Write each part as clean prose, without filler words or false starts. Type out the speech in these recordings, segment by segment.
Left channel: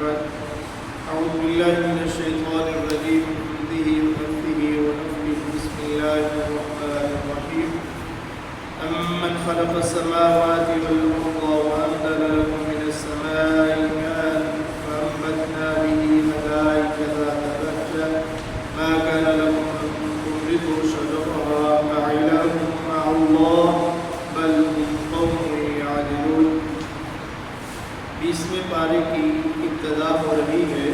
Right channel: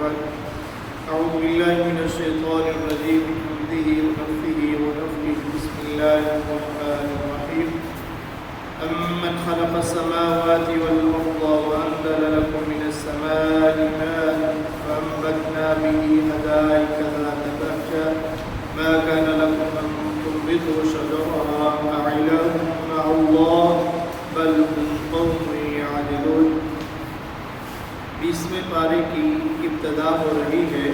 بعد أعوذ بالله من الشيطان الرجيم من حمده ونفثه ونفخه بسم الله الرحمن الرحيم أمن خلق السماوات والأرض وأنزل لكم من السماء ماء فأنبتنا به حدائق ذات بهجة ما كان لكم أن تنبتوا شجرها أإله مع الله بل هم قوم يعدلون۔ 20ویں پارے کی ابتدا ہو رہی ہے۔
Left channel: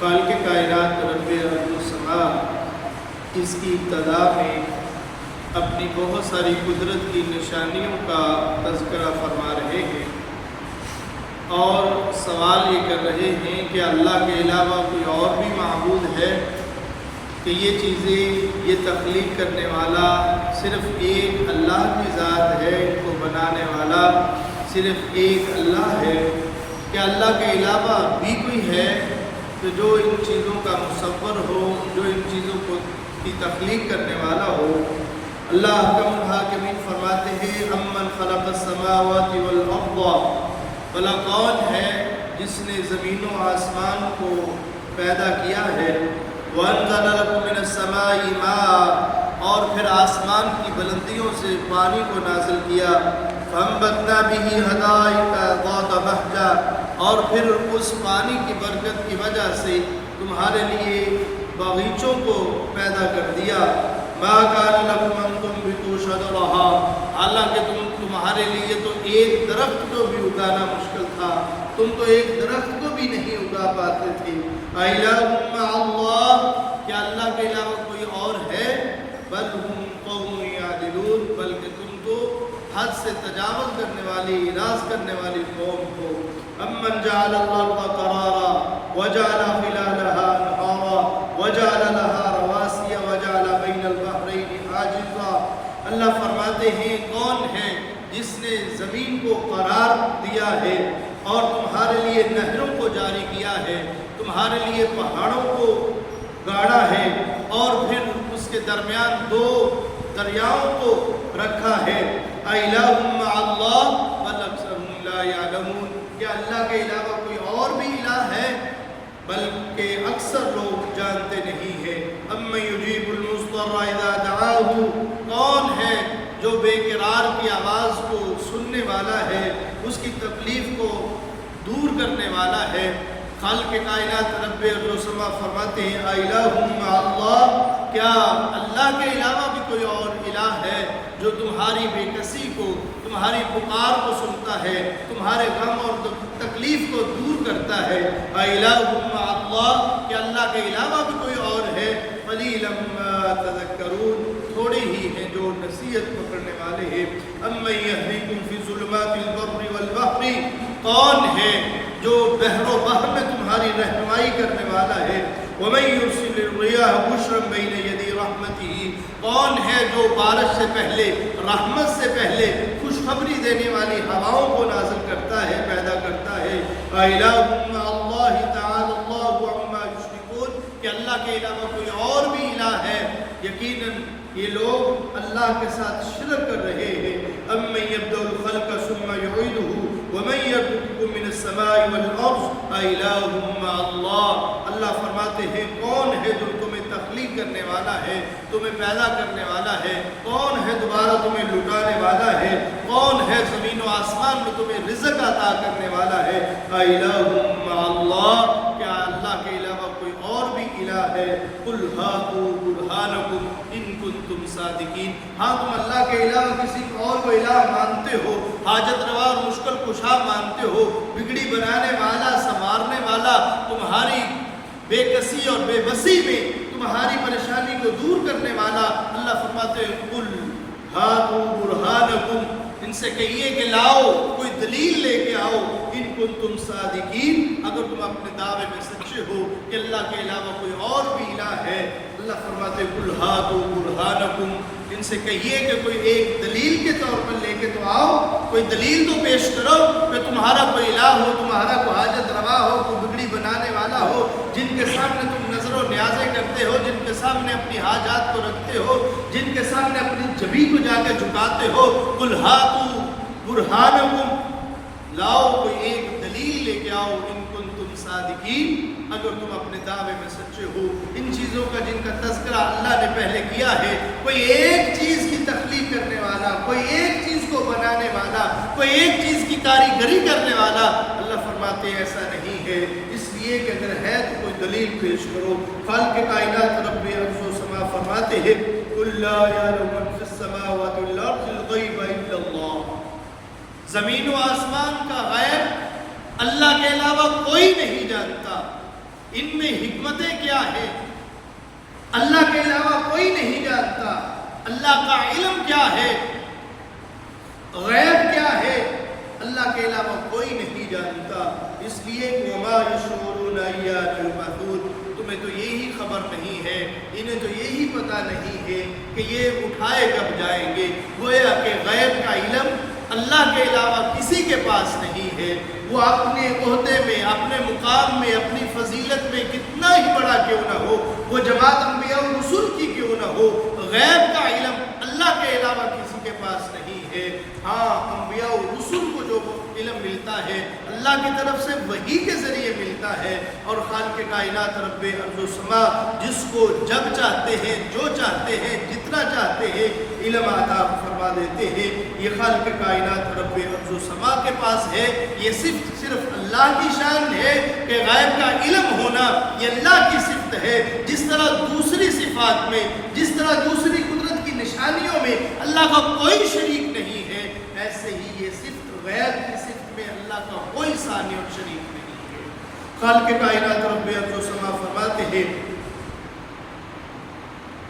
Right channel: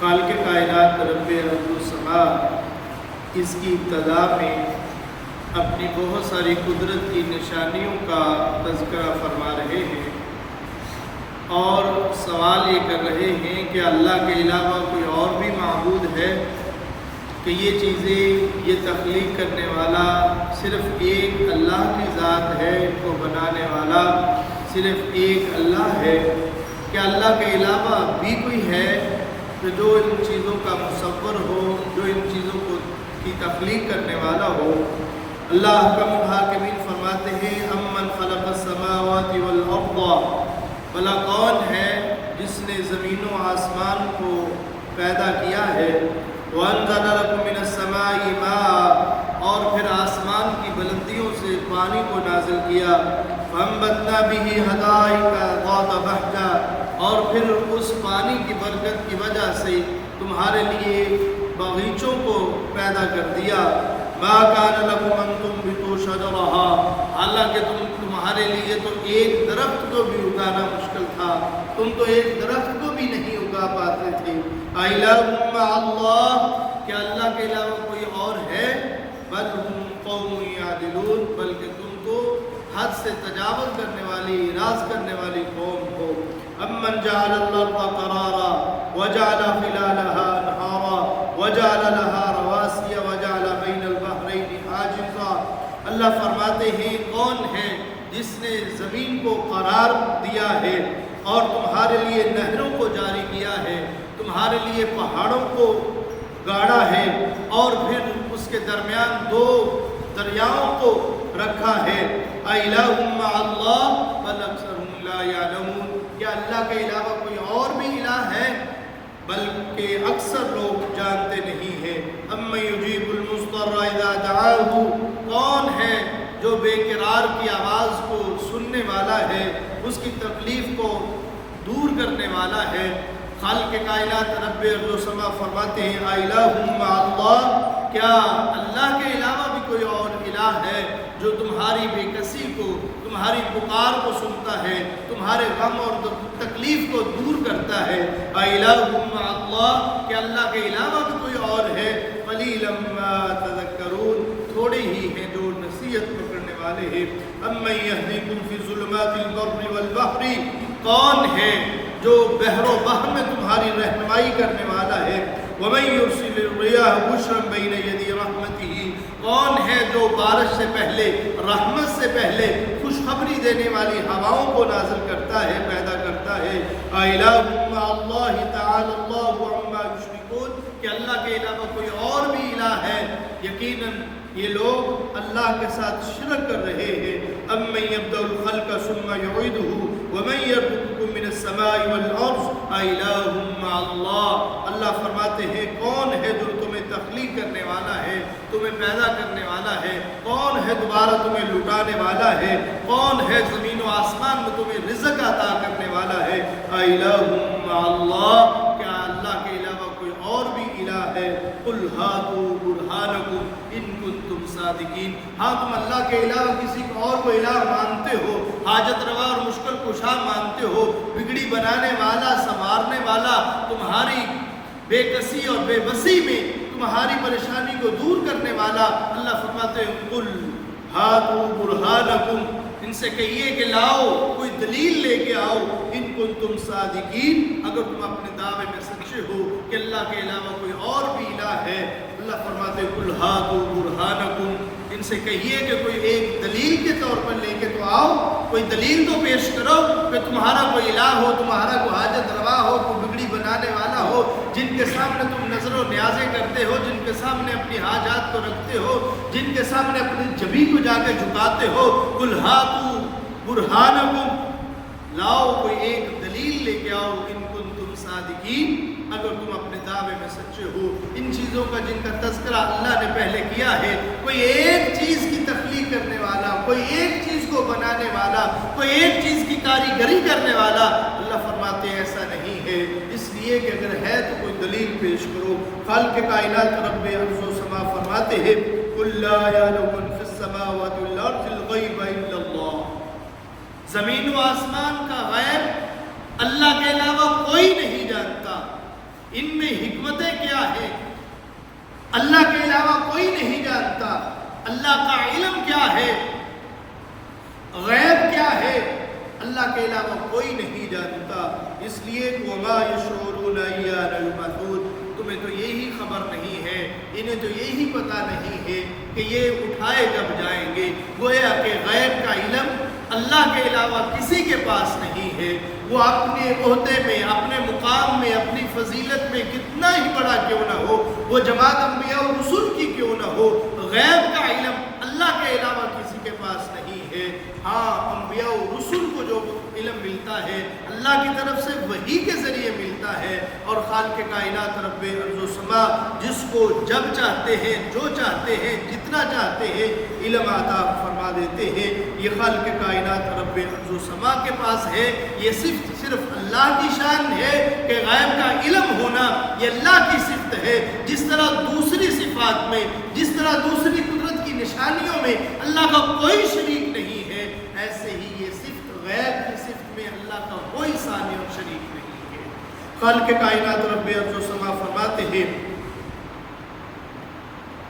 خالق کائنات رب ارض و سما اس کی ابتدا میں اپنی بہت ساری قدرت کی نشانیوں کا تذکرہ فرما رہے ہیں اور سوال یہ کر رہے ہیں کہ اللہ کے علاوہ کوئی اور بھی معبود ہے کہ یہ چیزیں یہ تخلیق کرنے والا صرف ایک اللہ کی ذات ہے، ان کو بنانے والا صرف ایک اللہ ہے؟ کہ اللہ کے علاوہ بھی کوئی ہے کہ جو ان چیزوں کا مصور ہو، جو ان چیزوں کی تخلیق کرنے والا ہو؟ اللہ احکم الحاکمین فرماتے ہیں امن خلق السماوات والارض، بھلا کون ہے جس نے زمین و آسمان کو پیدا کیا ہے، وانزل لکم من السماء ماء، اور پھر آسمان کی بلندیوں سے پانی کو نازل کیا، فانبتنا به حدائق ذات بہجہ، اور پھر اس پانی کی برکت کی وجہ سے تمہارے لیے باغیچوں کو پیدا کر دیا، ما کان لکم ان تنبتوا شجرها، حالانکہ تمہارے لیے تو ایک درخت کو بھی اگانا مشکل تھا، تم تو ایک درخت کو بھی نہیں اگا پاتے تھے۔ اِلٰہٌ مع اللہ، کیا اللہ کے علاوہ کوئی اور ہے؟ بل ہم قوم یعدلون، بلکہ تم تو حد سے تجاوز کرنے والی، اراض کرنے والی قوم ہو۔ امن جعل الارض قرارا وجعل خلالها انہارا وجعل لها رواسي وجعل بین البحرین حاجزا، اللہ فرماتے ہیں کون ہے جس نے زمین کو قرار دیا ہے اور تمہارے لیے نہروں کو جاری کیا ہے، تمہارے لیے پہاڑوں کو گاڑا ہے اور پھر اس کے درمیان دو دریاؤں کو رکھا ہے۔ اِلٰہٌ مع اللہ بل اکثرهم لا یعلمون، کیا اللہ کے علاوہ کوئی اور بھی الہ ہے؟ بلکہ اکثر لوگ جانتے نہیں ہیں۔ امن یجیب المضطر اذا دعاہ، کون ہے جو بے قرار کی آواز کو سننے والا ہے، اس کی تکلیف کو دور کرنے والا ہے۔ خالق کائنات رب ارض و سما فرماتے ہیں اِلٰہٌ مع اللہ، کیا اللہ کے علاوہ بھی کوئی اور الہ ہے جو تمہاری بے کسی کو، تمہاری پکار کو سنتا ہے، تمہارے غم اور تکلیف کو دور کرتا ہے؟ اِلٰہٌ مع اللہ، کیا اللہ کے علاوہ بھی کوئی اور ہے؟ قلیلا ما تذکرون، تھوڑے ہی ہیں جو نصیحت پکڑنے والے ہیں۔ امن یہدیکم فی ظلمات البر والبحر، کون ہے جو بحر و بحر میں تمہاری رہنمائی کرنے والا ہے؟ وَمَن يُرْسِلِ الرِّيَاحَ بُشْرًا بَيْنَ يَدَيْ رَحْمَتِهِ، کون ہے جو بارش سے پہلے، رحمت سے پہلے خوشخبری دینے والی ہواؤں کو نازل کرتا ہے، پیدا کرتا ہے۔ اِلٰہٌ مع اللہ تعالی اللہ عما یشرکون، کہ اللہ کے علاوہ کوئی اور بھی الہ ہے؟ یقیناً یہ لوگ اللہ کے ساتھ شرک کر رہے ہیں۔ امن یبدأ الخلق ثم یعیدہ ومن یرزقکم من السماء والارض اِلٰہٌ مع اللہ، اللہ فرماتے ہیں کون ہے جو تمہیں تخلیق کرنے والا ہے، تمہیں پیدا کرنے والا ہے؟ کون ہے دوبارہ تمہیں لٹانے والا ہے؟ کون ہے زمین و آسمان میں تمہیں رزق عطا کرنے والا ہے؟ اِلٰہٌ مع اللہ، کیا اللہ کے علاوہ کوئی اور بھی الہ ہے؟ قل ہاتوا برہانکم ان کنتم صادقین، ہاں تم اللہ کے علاوہ کسی اور کو الہ مانتے ہو، حاجت روا اور مشکل کشا مانتے ہو، بگڑی بنانے والا، سنوارنے والا، تمہاری بے کسی اور بے بسی میں تمہاری پریشانی کو دور کرنے والا، اللہ فرماتے ہیں قل ہاتوا برہانکم، ان سے کہیے کہ لاؤ، کوئی دلیل لے کے آؤ، ان کنتم صادقین، اگر تم اپنے دعوے میں سچے ہو کہ اللہ کے علاوہ کوئی اور بھی الہ ہے۔ اللہ فرماتے قل ہاتوا برہانکم، ان سے کہیے کہ کوئی ایک دلیل کے طور پر لے کے تو آؤ، کوئی دلیل تو پیش کرو کہ تمہارا کوئی الہ ہو، تمہارا کوئی حاجت روا ہو، کوئی بگڑی بنانے والا ہو، جن کے سامنے تم نظر و نیازیں کرتے ہو، جن کے سامنے اپنی حاجات کو رکھتے ہو، جن کے سامنے اپنی جبیں کو جا کے جھکاتے ہو۔ قل ہاتوا برہانکم، لاؤ کوئی ایک دلیل لے کے آؤ ان کنتم صادقین، اگر تم اپنے دعوے میں سچے ہو۔ ان چیزوں کا جن کا تذکرہ اللہ نے پہلے کیا ہے، کوئی ایک چیز کی تخلیق کرنے والا، کوئی ایک چیز کو بنانے والا، کوئی ایک چیز کی کاریگری کرنے والا، اللہ فرماتے ہیں ایسا نہیں ہے۔ اس لیے کہ اگر ہے تو کوئی دلیل پیش کرو۔ خالق کائنات رب ارض و سما فرماتے ہیں قل لا یعلم من فی السماوات والارض الغیب الا اللہ، زمین و آسمان کا غیب اللہ کے علاوہ کوئی نہیں جانتا۔ ان میں حکمتیں کیا ہیں اللہ کے علاوہ کوئی نہیں جانتا۔ اللہ کا علم کیا ہے، غیب کیا ہے، اللہ کے علاوہ کوئی نہیں جانتا۔ اس لیے وما یشعرون ایان یبعثون، تمہیں تو یہی خبر نہیں ہے، انہیں تو یہی پتہ نہیں ہے کہ یہ اٹھائے کب جائیں گے۔ گویا کہ غیب کا علم اللہ کے علاوہ کسی کے پاس نہیں ہے۔ وہ اپنے عہدے میں، اپنے مقام میں، اپنی فضیلت میں کتنا ہی بڑا کیوں نہ ہو، وہ جماعت انبیاء و رسول کی کیوں نہ ہو، غیب کا علم اللہ کے علاوہ کسی کے پاس نہیں ہے۔ ہاں، انبیاء و رسول کو جو علم ملتا ہے اللہ کی طرف سے وحی کے ذریعے ملتا ہے، اور خالق کائنات رب ارض و سما جس کو جب چاہتے ہیں، جو چاہتے ہیں، جتنا چاہتے ہیں علم عطا فرما دیتے ہیں۔ یہ خالق کائنات رب ارض و سما کے پاس ہے۔ یہ صرف اللہ کی شان ہے کہ غیب کا علم ہونا یہ اللہ کی صفت ہے۔ جس طرح دوسری صفات میں، جس طرح دوسری قدرت کی نشانیوں میں اللہ کا کوئی شریک نہیں ہے، ایسے ہی یہ صفت غیب کی صفت میں اللہ کا کوئی ثانی اور شریک نہیں ہے۔ خالق کائنات رب ارض و سما فرماتے ہیں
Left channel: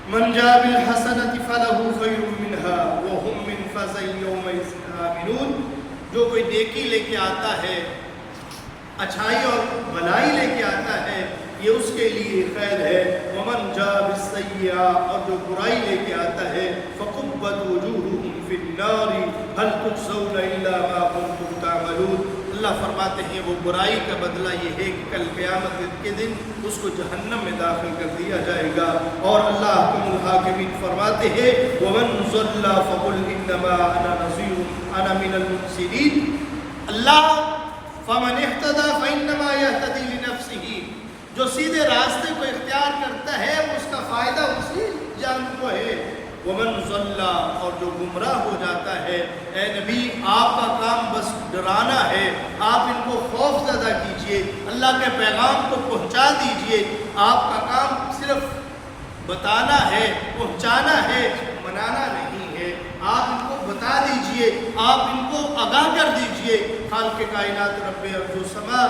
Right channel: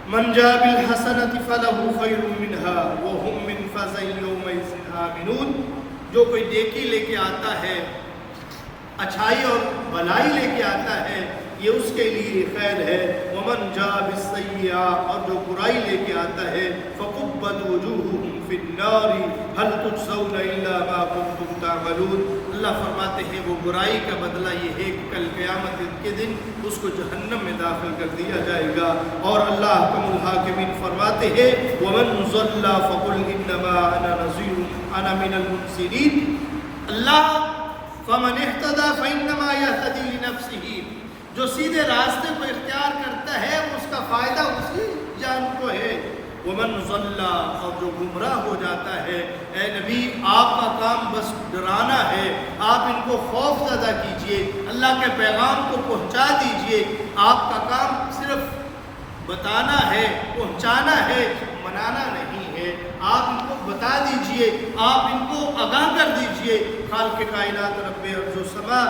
من جاء بالحسنۃ فلہ خیر منہا وہم من فزع یومئذ آمنون، جو کوئی نیکی لے کے آتا ہے، اچھائی اور بھلائی لے کے آتا ہے، یہ اس کے لیے خیر ہے۔ ومن جاء بالسیئہ، اور جو برائی لے کے آتا ہے، فکبت وجوہہم فی النار هل تجزون الا ما کنتم تعملون، اللہ فرماتے ہیں وہ برائی کا بدلہ یہ ہے کہ کل قیامت کے دن اس کو جہنم میں داخل کر دیا جائے گا۔ اور اللہ احکم الحاکمین فرماتے ہیں ومن ضل فقل انما انا نذیر انا من المنذرین، اللہ فمن اہتدی فانما یہتدی لنفسہ، جو سیدھے راستے کو اختیار کرتا ہے اس کا فائدہ اسی جان کو ہے۔ ومن ضل، اور جو گمراہ ہو جاتا ہے، اے نبی آپ کا کام بس ڈرانا ہے، آپ ان کو خوف زدہ کیجئے، اللہ کے پیغام کو پہنچا دیجئے، آپ کا کام صرف بتانا ہے، پہنچانا ہے، منانا نہیں ہے۔ آپ ان کو بتا دیجئے، آپ ان کو آگاہ کر دیجئے۔ خالق کائنات رب ارض و سما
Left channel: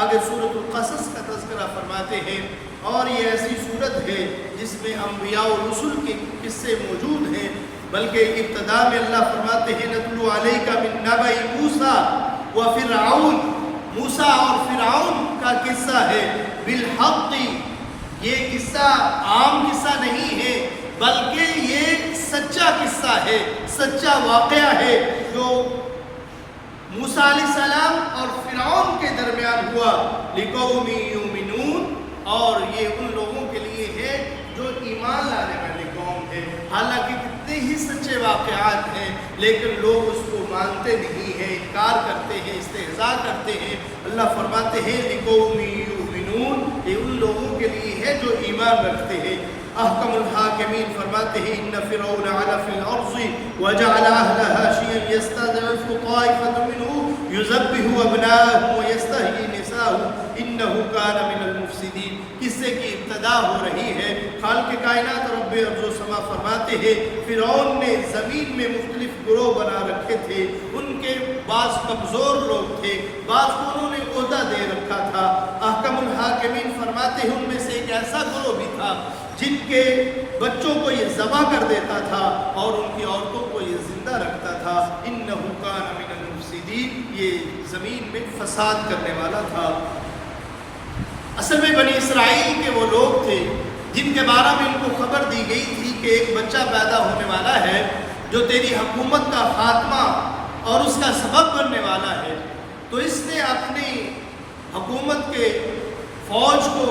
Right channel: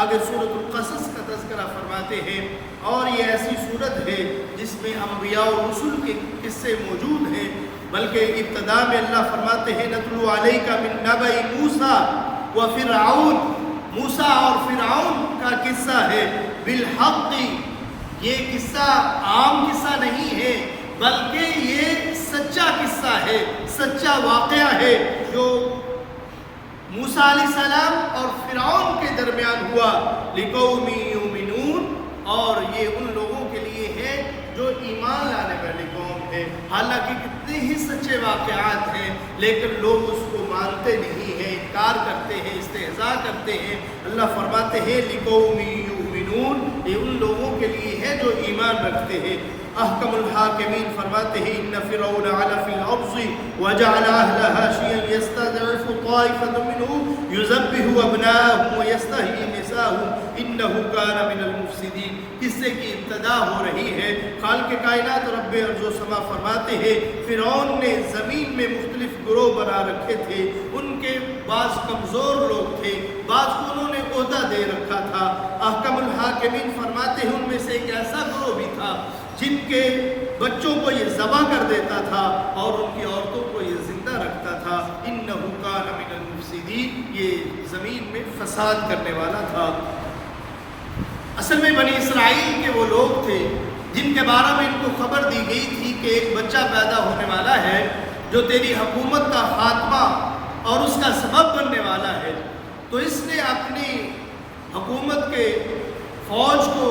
آگے سورۃ القصص کا تذکرہ فرماتے ہیں، اور یہ ایسی سورت ہے جس میں انبیاء و رسول کے قصے موجود ہیں، بلکہ ابتدا میں اللہ فرماتے ہیں نتلو علیک من نبأ موسیٰ و فرعون، موسیٰ اور فرعون کا قصہ ہے، بالحق، یہ قصہ عام قصہ نہیں ہے بلکہ یہ سچا قصہ ہے، سچا واقعہ ہے جو موسیٰ علیہ السلام اور فرعون کے درمیان ہوا، لقوم یؤمنون، اور یہ ان لوگوں کے لیے ہے جو ایمان لانے والی قوم ہے۔ حالانکہ کتنے ہی سچے واقعات ہیں لیکن لوگ اس کو مانتے نہیں ہیں، انکار کرتے ہیں، استہزاء کرتے ہیں۔ اللہ فرماتے ہیں لقوم یؤمنون، یہ ان لوگوں کے لیے ہے جو ایمان رکھتے ہیں۔ احکم الحاکمین فرماتے ہیں ان فرعون علا فی الارض وجعل اہلہا شیعا یستضعف طائفۃ منہم یذبح ابناءہم ویستحیی نساءہم انہ کان من المفسدین۔ قصے کی ابتدا ہو رہی ہے۔ خالق کائنات رب ارض و سما فرماتے ہیں فرعون نے زمین میں مختلف گروہ بنا رکھے تھے، ان کے بعض کمزور لوگ تھے، بعض کو انہوں نے عہدہ دے رکھا تھا۔ احکم الحاکمین فرماتے ہیں ان میں سے ایک ایسا گروہ بھی تھا جن کے بچوں کو یہ ذبح کر دیتا تھا اور ان کی عورتوں کو یہ زندہ رکھتا تھا۔ انہ کان من المفسدین، یہ زمین میں فساد کرنے والا تھا۔ اصل میں بنی اسرائیل کے وہ لوگ تھے جن کے بارے میں ان کو خبر دی گئی تھی کہ ایک بچہ پیدا ہونے والا ہے جو تیری حکومت کا خاتمہ اور اس کا سبب بننے والا ہے۔ تو اس نے اپنی حکومت کے فوج کو